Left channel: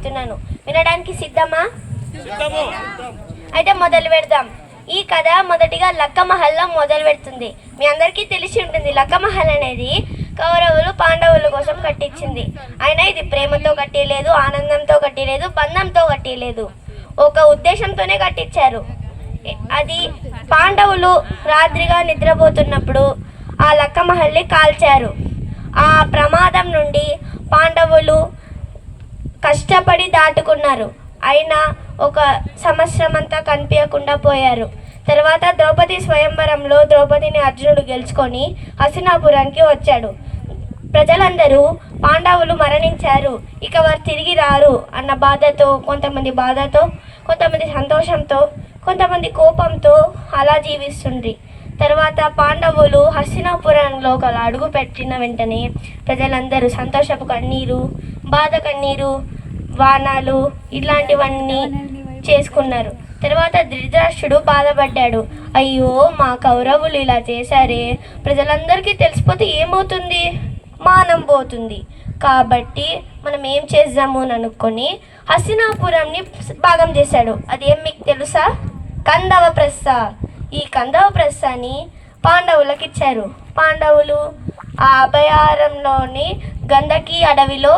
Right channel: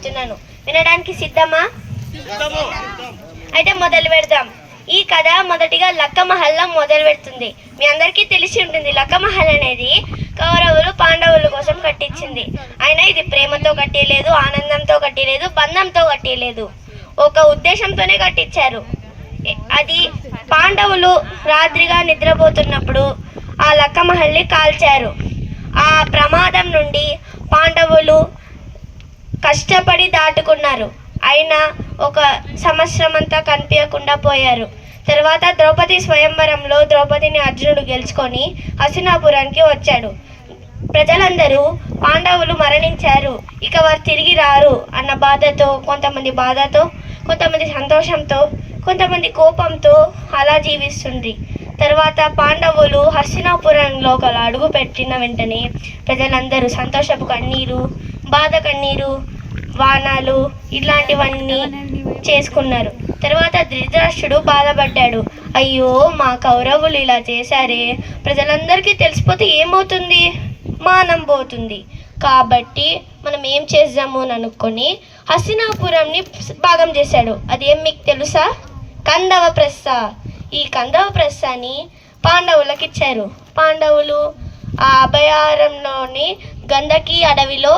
చెప్పబోతున్నాను. వినడానికి సిద్ధమా? అయితే మొదలు పెడదాం. ఈ కథ మొదటిగా లక్క మహల్లా మొదలు పెడుతుంది. మీ అందరికీ తెలిసి ఉంటుంది, లక్క మహల్ అనేది కౌరవులు పాండవుల కోసం కట్టించింది. అయినా ఇది ప్రేమతో కట్టలేదు, ఆనందంతో కట్టలేదు, బంధంతో కట్టలేదు, ఒక ఉద్దేశంతోనే కట్టించారు. అది పాండవులు రాత్రిగా నిద్రపోతున్నప్పుడు ఆ లక్క మహల్ని కాల్చారు. ఆ ప్రమాదం నుండి పాండవులు కష్టపడి దాటుకున్నారు. అయినా ఒక సంవత్సరం అంతా కనిపించకుండా పోయారు. తర్వాత ద్రౌపది స్వయంవరంలో ద్రౌపదిని అర్జునుడు గెలుచుకొని హస్తినాపురానికి వచ్చాడు. ప్రజలందరూ పాండవులు మరణించారు, ఇక వారు తిరిగి రారు అన్న బాధతో, కొంతమంది సంతోషంతో, కొంతమంది కోపంతో అలా జీవిస్తుంది. తర్వాత పాండవులు హస్తినాపురంలో అడుగు పెట్టిన వెంటనే ప్రజలందరూ సంతోషపు కన్నీరు, బాధ కన్నీరు, వానాలు ఇలాంటివన్నీ చేసుకున్నారు. తర్వాత ధృతరాష్ట్రుడు బాధపడ్డాడు. అయ్యో, మా కౌరవులు ఇలా చేశారే, ప్రజలందరికీ తెలిసిపోతే ఏమవుతుంది? మానం పోతుంది. కాబట్టి మనం ఏం చేద్దాము అని అనుకొని హస్తినాపురంని భాగం చేశాడు. అదేం మీకు తెలుసా? కందవ ప్రస్థ. ఈ కందవ ప్రస్థని పాండవులకు ఇచ్చారు. పాండవులు ఆ అభయారణ్యంలోని గంధకి అడవిలో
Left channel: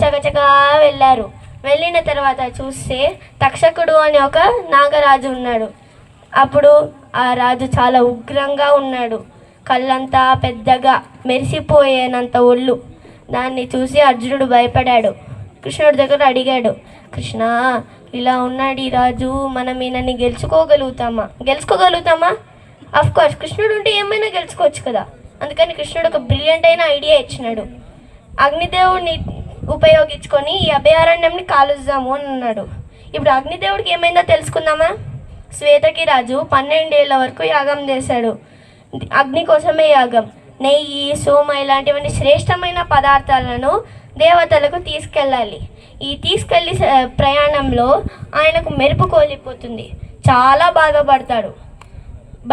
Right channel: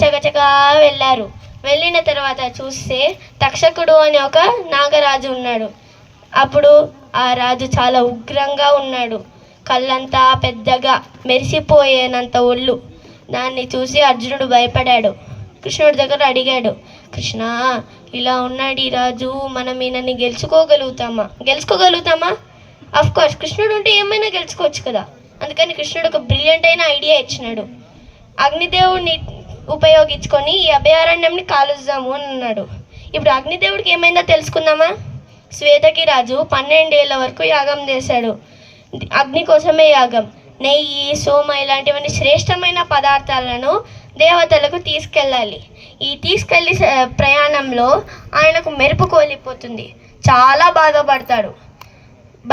చకచకా వెళ్ళారు. వెళ్ళిన తర్వాత చూస్తే తక్షకుడు అని ఒక నాగరాజు ఉన్నాడు. అప్పుడు ఆ రాజు చాలా ఉగ్రంగా ఉన్నాడు. కళ్ళంతా పెద్దగా మెరిసిపోయేనంత ఒళ్ళు. దాన్ని చూసి అర్జునుడు భయపడాడు. కృష్ణుడి దగ్గర అడిగాడు, కృష్ణ, ఇలా ఉన్నాడు ఈ రాజు, మనం ఈయనని గెలుచుకోగలుగుతామా? అఫ్కోర్స్ కృష్ణుడు ఉంటే ఏమైనా గెలుచుకోవచ్చు కదా. అందుకని కృష్ణుడు ఒక బ్రిలియంట్ అయిన ఐడియా ఇచ్చినాడు. అగ్నిదేవుడిని ఉపయోగించుకొని ఈ అభయారణ్యంని కాలుద్దాము అని అన్నాడు. ఇప్పుడు అగ్నిదేవుడికి ఏమైందో తెలుసుకుందామా? శ్వేతకి రాజు 12 ఏళ్ల వరకు యాగం చేశాడు. అగ్ని కోసమే యాగం. నెయ్యి, సోమ ఇలాంటివన్నీ శ్రేష్టమైన పదార్థాలను దేవతలకు తీసుకెళ్ళాలి. ఈ తీసుకెళ్ళి ప్రయాణంలో ఆయనకు మెరుపు కోల్పోతుంది. చాలా బాధపడతాడు.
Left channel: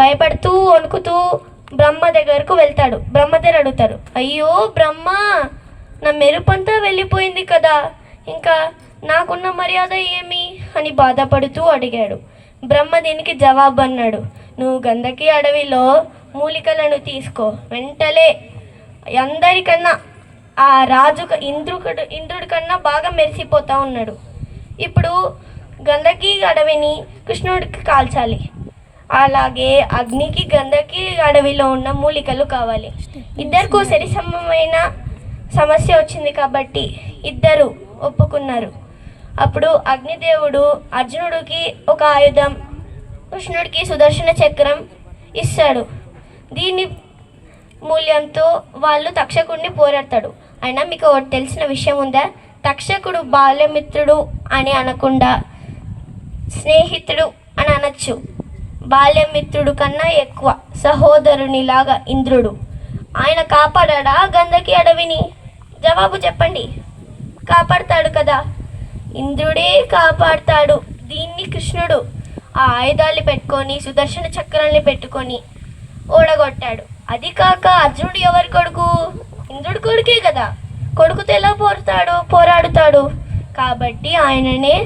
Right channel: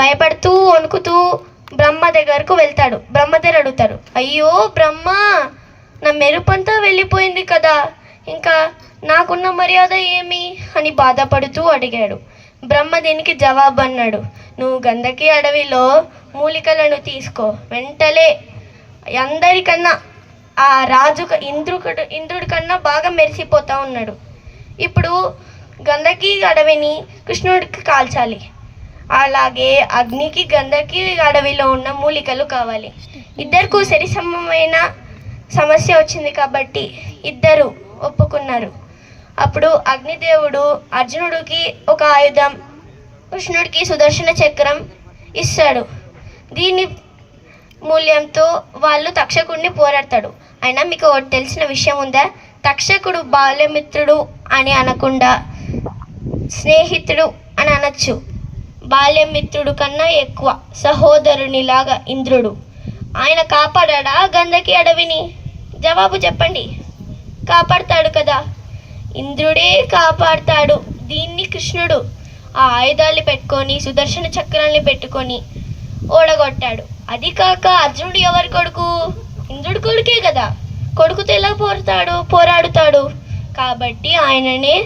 భయపడుతూ వణుకుతూ బ్రహ్మ దగ్గరకు వెళ్తాడు. బ్రహ్మ దగ్గర అడుగుతారు, అయ్యో బ్రహ్మ, నా మెరుపంతా వెళ్ళిపోయింది కదా, ఇంకా నాకున్న మర్యాద ఏమి అని బాధపడుతూ అడిగాడు. బ్రహ్మ దీనికి జవాబు అన్నాడు, నువ్వు గంధకి అడవిలో మూలికలను తీసుకో. వెంటనే అందరికన్నా ఆ రాజు ఇంద్రుడి కన్నా బాగా మెరిసిపోతా ఉన్నాడు. ఇప్పుడు గంధకి అడవిని కృష్ణుడికి కాల్చాలి. అలాగే అగ్నికి గంధకి అడవిలో ఉన్న మూలికలు కావాలి. ఇద్దరికూ సరిసమమైన సమస్య వచ్చింది కాబట్టి ఇద్దరు ఒప్పుకున్నారు. అప్పుడు అగ్నిదేవుడు అర్జునుడికి ఒక ఆయుధం, కృష్ణుడికి సుదర్శన చక్రం ఇస్తాడు. దీని మూల్యంతో వాళ్ళు తక్షకుడిని పోరాడతాడు. అయినా మీకు ఒకటి తెలిసిన విషయం ఉందా? తక్షకుడు బాల్యమిత్రుడు అని అనకుండా స్నేహితుడు అని అనొచ్చు. బాల్యమిత్రుడు కన్నా ఎక్కువ సహోదరునిలాగా ఇంద్రుడు. ఆయన కాపాడా గంధకి అడవిని? జవాబు చెప్పండి. కాపాడతాడు కదా, ఇంద్రుడే కాపాడతాడు. దీన్ని కృష్ణుడు ఆ ఆయుధాలు పెట్టుకొని, సుదర్శన చక్రాన్ని పెట్టుకొని ఓడగొట్టాడు. అది కాక అర్జునుడు ఎవరి కొడుకు? ఇంద్రుడి కొడుకే కదా. కొడుకుతో ఎలా పోరాడుతాడు? కాబట్టి ఆయననే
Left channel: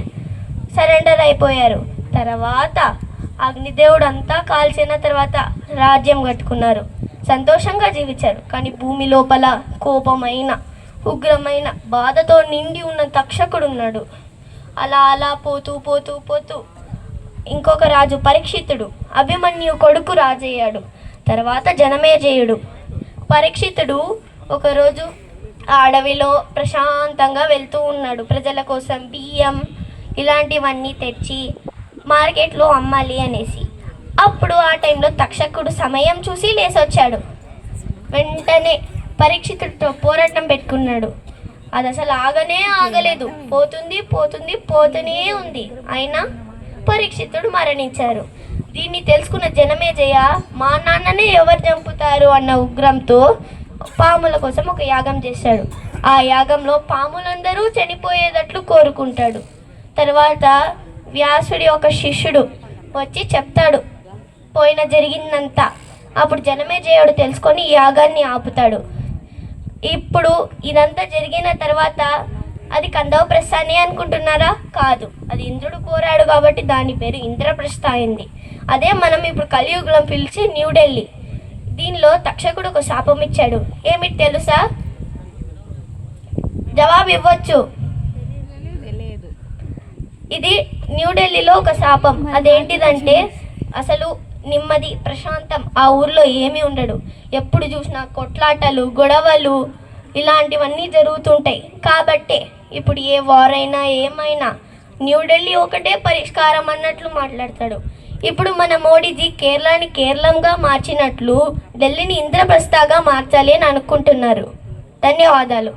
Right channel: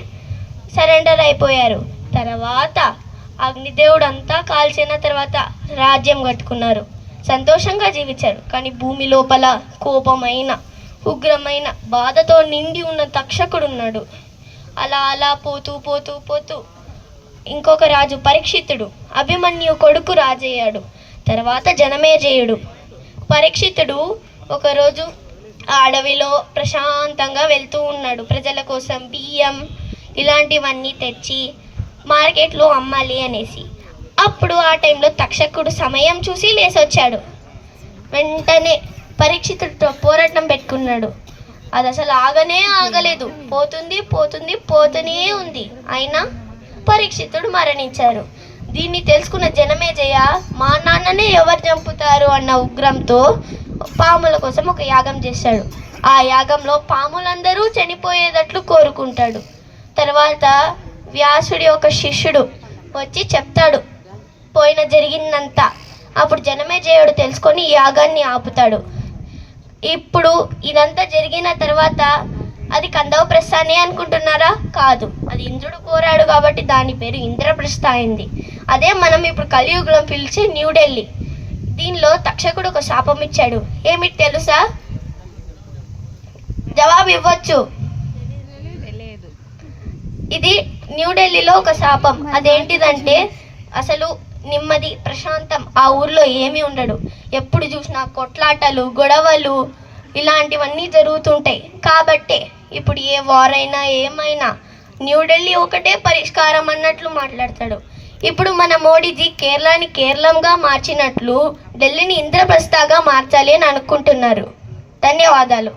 సరెండర్ అయిపోయారు. తర్వాత అగ్నిదేవుడు అంతా కాల్చిన తర్వాత రాజ్యం కట్టుకున్నారు, సంతోషంగా జీవించారు. కానీ భూమి లోపల కోపమైన, ఉగ్రమైన, బాధతో నిండి ఉన్న తక్షకుడు ఉన్నాడు. అలా పోతూ ఇంకొక రాజు పరీక్షితుడు, అభిమన్యు కొడుకు రాజయ్యాడు. తర్వాత జనమేజయుడు. పరీక్షితుడు ఒకరోజు ఆ అడవిలో ప్రశాంతంగా వెళ్తూ ఉన్నాడు. ప్రజల కోసం బియ్యం ఇలాంటివన్నీ తెచ్చి మార్కెట్లో అమ్మాలి అనేసి. అప్పుడు ఆ టైంలో తక్షకుడు సమయం చూసి లేసొచ్చాడు. వెంటనే పరీక్షితుడితో పోరాటం పెట్టుకున్నాడు. అది అసలు ఆగలేదు. పోతూనే ఉంది. అయినా పరీక్షితుడు మరణించారు. దీన్ని తెలుసుకున్న జనమేజయ, మా నాన్ననే ఎవరు చంపుతారు అన్న ఉగ్రంతో పాముల కోసం ఒక యాగం చేశాడు. ఆ యాగంలో పాములందరూ చనిపోయేటట్లు కోరుకుంటాడు. తర్వాత వ్యాసుడి ఒక శిష్యుడు వచ్చి చెప్తాడు జరిగిందంతా. అప్పుడు జనమేజయుడు తెలుసుకొని యాగాన్ని ఆపుతాడు. ఇప్పుడు ఇదంతా జరిగిన తర్వాత అది కందవప్రస్థానే అనుకుంటున్నారా? కాదు, అది ఇంద్రుడు కోరాడు కాబట్టి దాని పేరు ఇంద్రప్రస్థ అయింది. అదే మనం ఇప్పుడు కలియుగంలో పిలిచి న్యూఢిల్లీ. దీనిలో తక్షకుడు ఒక శాపం ఇచ్చాడు. ఏమిటి తెలుసా? జవాబు ఇవ్వచ్చు. ఇది న్యూఢిల్లీలో ఒక శాపం. అదేంటిదంటే అసలు నెమ్మది ప్రశాంతం ఆ ఊర్లో ఏమీ ఉండడు. ఎప్పుడు చూసినా కొట్లాటలు, గొడవలు ఇలాంటివన్నీ జరుగుతుంటాయి. కాబట్టే ఇప్పుడు ఏ వార్ అయినా ఏమైనా న్యూఢిల్లీ ఒకటే పరిష్కారం అన్నట్లు మాట్లాడతాడు. ఇప్పుడు మన మోడీజీ కేరళని కేరళంగా మార్చినట్లు ఢిల్లీని ఇంద్రప్రస్థగా మార్చాలి అని అనుకుంటున్నారు. ధన్యవాదాలు.